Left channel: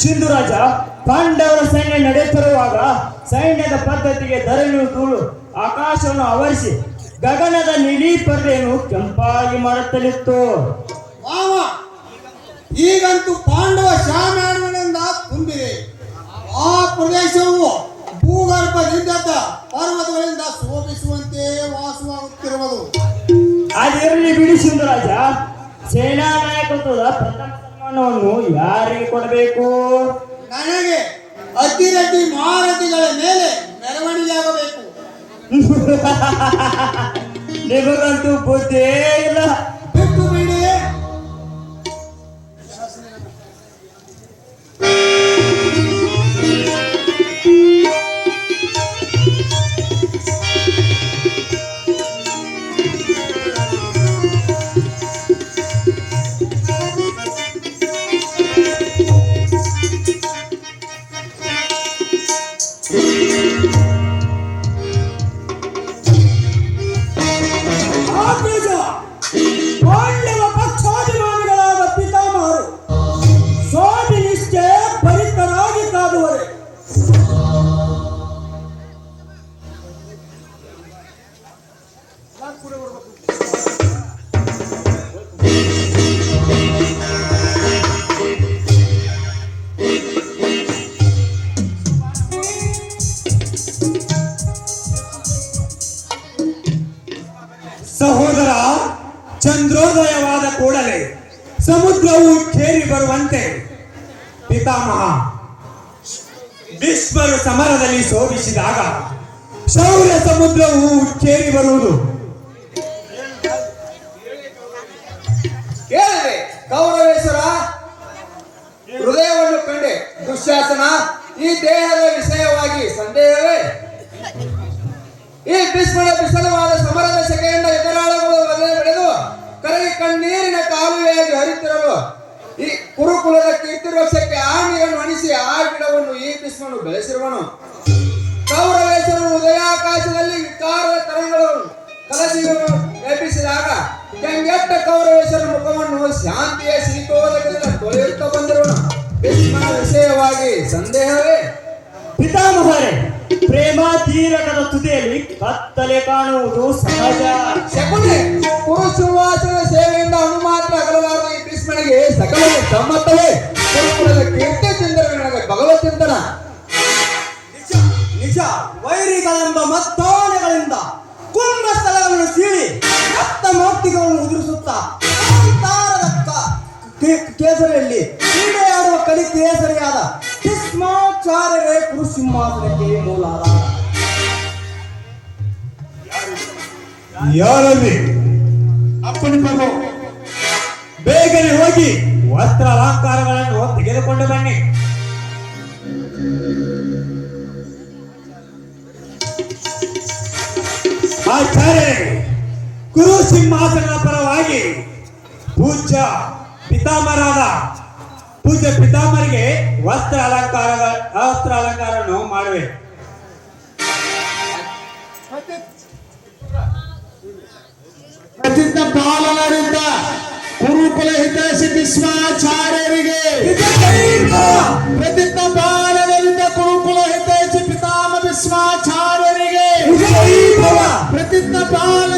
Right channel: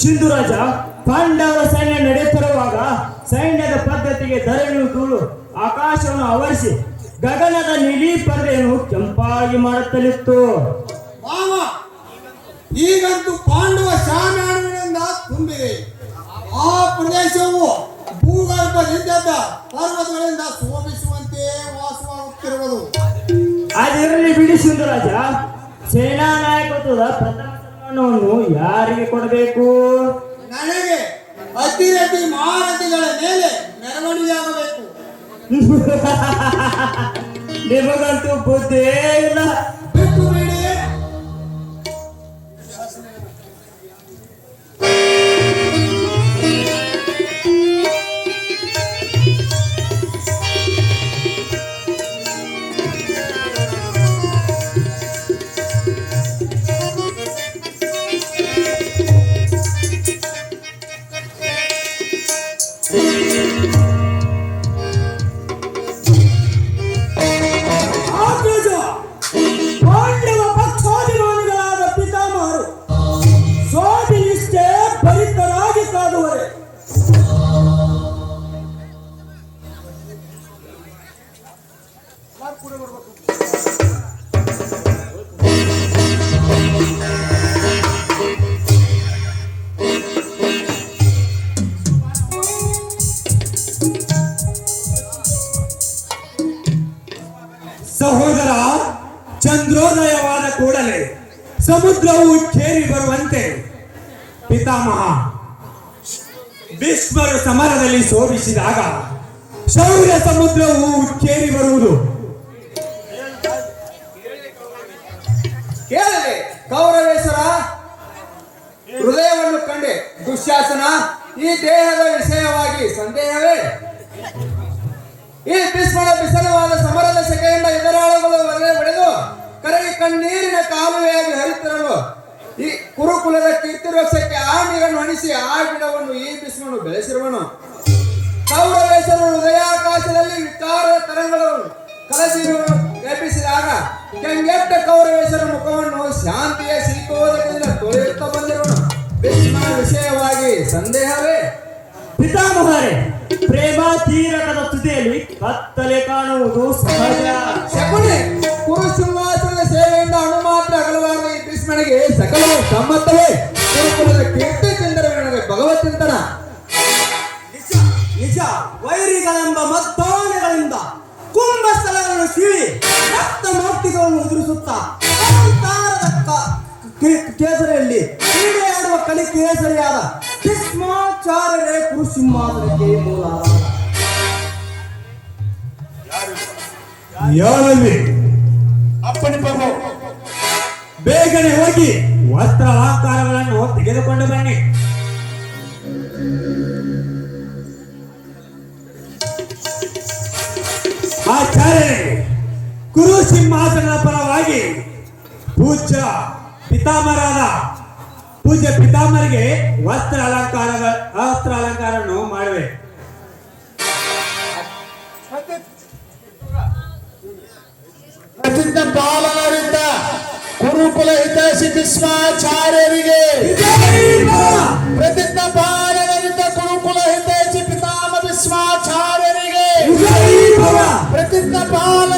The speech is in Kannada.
ಸಿಂಧುರಾಜ, ಪಾಂಡವರ ಸೈನ್ಯ ನಡೆಯುತ್ತಿರುವಾಗ ಸೈನ್ಯದ ಪದ್ಧತಿಗೆ ಧರಣಿಯು ಆಕಾಶವನ್ನು ಆವರಿಸಿ ಗಗನದ ನೀಲಿ ಪರ್ದೆಯನ್ನು ಕೆಂಪಾಗಿ ಮಾಡುತ್ತಲಿತ್ತು. ಈಗಂತೂ ಪಾಂಡವ ಶಾಮ್ಯಾನಗಳಿಂದ ತುಂಬಿದೆ. ಆ ಪ್ರದೇಶವು ಭೂಗರ್ಭದಿಂದ ಪರ್ವತಗಳಿಂದ ಶೋಭಿಸುವಂತೆ ವಾಸವಾಗುತ್ತಿರುವುದು. ಅದರಲ್ಲಿ ಬಿಡಿ ಸಿಂಧುರಾಜ, ಸೇನಾ ನಾಯಕತ್ವದ ಪ್ರಥಮ ಸನ್ಮಾನವನ್ನು ಯಾರಿಗೆ ಕೊಡಬೇಕು? ನನಗೆ. ಅತಿರಥಿ ಮಹಾರಥಿಗಳ ಮೇಲೆ ಮೆರವಣಿಗೆಯಾಗಬೇಕು. ನಿಮಗಂತೂ ಬುದ್ಧಿಯೇ ಇಲ್ಲ. ಬಿಟ್ಟು ಬಿಡಿ. ಸಹೋದರ, ಚಂದ್ರೋದಯವಾದ ಕೂಡಲೇ ಸಮುದ್ರವು ಕೇರಿ ಬರುವಂತೆ ಪಿತಾಮಹ ಭೀಷ್ಮರು ಸಮರದಲ್ಲಿ ಶೋಭಿಸಿದಾಗ ಶೌರ್ಯ ಸಮುದ್ರವು ಕೇರಿ ಬರುವುದು. ಕೇಳಲಿ ಕೌರವೇಶ್ವರ, ಹೃದಯವನ್ನು ಕಂಡೆ ದುಶ್ಯಾಸನ. ಈ ದೇಹದ ವಿಷಯವಾಗಿ ಸಂದೇಹವೇ? ಈ ಭೀಷ್ಮನ ಬಿಸಲವಾದ ಸಮರದ ಸೆಕೆಯಿಂದ ಎದುರಾಳಿಗಳು ಬಡೆದು ಕರಗಿ ಕಣ್ಣೀರಿನ ಕಾಲುವೆಯಾಗಿ ಹರಿತಿರಲು ಈ ಕುರುಕುಲದ ಕೀರ್ತಿರೋಷಕ್ಕೆ ಆ ನೀರನ್ನು ಅಣಿಸಿ ಆ ಗಿಡವನ್ನು ಈ ಭೀಷ್ಮನು ಬೆಳೆಸಿರುವನು. ಕೌರವೇಶ್ವರನು ಉದಯಾಕಾಶದಲ್ಲಿ ವಿಕಾರದ ತರಂಗಗಳನ್ನು ಎಬ್ಬಿಸಿದಾಗ ಕೆಂಗೆಟ್ಟ ಕೌರವೇಶ್ವರ ಮುಖವನ್ನು ಶಾಂತಿಯ ಶಿಲ್ಪೋದಕದಿಂದ ತೊಳೆಯುತ್ತಾ ಬಂದಿರುವನು. ಭೀಷ್ಮನ ವಿಷಯವಾಗಿ ಸಂದೇಹವೇ? ಪಿತಾಮಹರೇ, ಪ್ರೇಮ ತೀರಕದ ತುದಿಯಲ್ಲಿ ಕತ್ತಲೆ ಕಾಣುವುದು ಸಹಜ. ಶಕುನಿ, ಕುರುಸುವಾಸನ ಸೇವೆಯಿಂದ ಅಣು ಮಾತ್ರ ಅಗಲವಾರುವ ಈ ಭೀಷ್ಮನಿಗೆ ಸಕಲ ಸಮ್ಮತವೇ? ಕುರುಕುಲದ ಕೀರ್ತಿಚಂದ್ರವೇ ನನಗೆ ಭಗವತ್ತಿಂತನ. ನಿಜ, ವೈರಿಗಳೆಂಬ ಮತ್ತೋಣೆಗಳಿಂದ ಕುಂಭಸ್ಥಳಗಳನ್ನು ಸೀಳಿ ರಕ್ತ ಮೌಕ್ತಿಗಳನ್ನು ಉದುರಿಸುತ್ತಾ ಕೇಸರಿಯಲ್ಲಿ ಕ್ರೀಡೆಯಾಡುವ ಕಲಿ ಕೇಸರಿಯಾದ ಭೀಷ್ಮಾಚಾರ್ಯರೇ ಕುರುಸಿಂಹಾಸನಕ್ಕೆ ಮೂಲಾದ. ಯಾರಲ್ಲಿ ಅಪ್ಪನ ಪ್ರಭು, ಬೇಗನೆ ಹೋಗಿ ವಸ್ತ್ರ ಅಲಂಕಾರಗಳನ್ನು ತೆಗೆದುಕೊಂಡು ಬನ್ನಿ. ಆಚಾರ್ಯರೇ, ಕುರು ಸಿಂಹಾಸನದ ಪರವಾಗಿ ಪೂಜ್ಯ ಪಿತಾಮರಿಗೆ ವಸ್ತ್ರ ಅಲಂಕಾರವನ್ನು ಮಾಡುವೆ. ಪ್ರತಿಜ್ಞ ಪಾಲನರಿಂದ ಕುರುಕುಲ ಹಿತೈಷಿ ಭೀಷ್ಮಾಚಾರ್ಯರಿಗೆ, ಪ್ರತಿಜ್ಞ ಪಾಲನರಿಂದ ಕುರುಕುಲ ಹಿತೈಷಿ ಪಿತಾಮಹ ಭೀಷ್ಮಾಚಾರ್ಯರಿಗೆ, ಪ್ರತಿಜ್ಞ ಪಾಲನ